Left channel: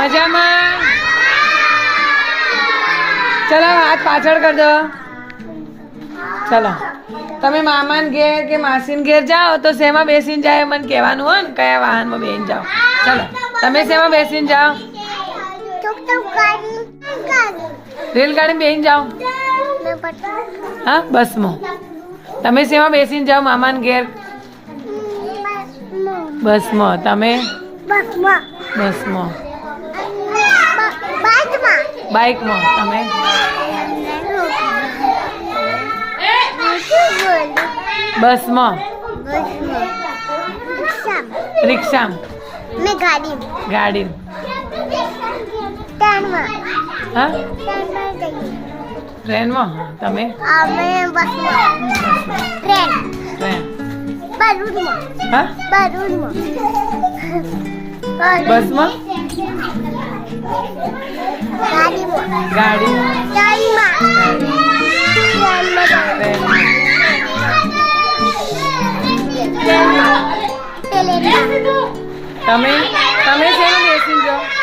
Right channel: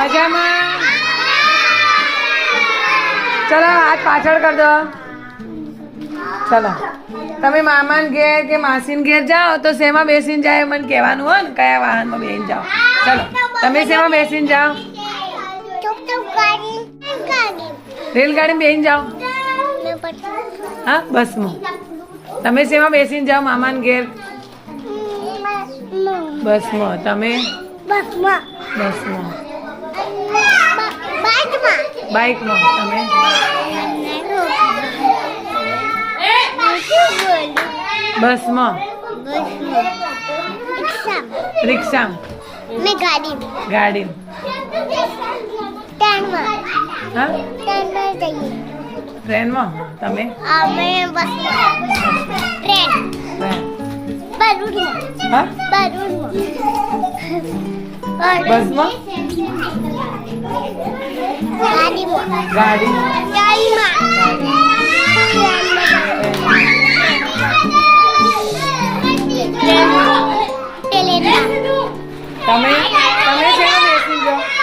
મજામાં? ચલો હાથ પાછળ કરી દો. ચલો તમે મામાન ઘેર કે માસીન ઘેર જાઓ તો શેમાં બેસીને જાય મને કહેવાનું હોય ને, કયા વાહનમાં બેસીને જાઓ. ચલો તમે શેમાં બેસીને જાઓ? રેલગાડીમાં બેસીને જાઓ. હા બસમાં. તમે શેમાં બેસીને જાઓ મામાન ઘેર? બસમાં. તમે? બસમાં. બાઇકમાં. તમે? બસમાં. રિક્ષામાં. ગાડી. હા ટ્રેનમાં. તમે? ટ્રેન. હા બસમાં. ગાડી. તમે શેમાં બેસી જાઓ?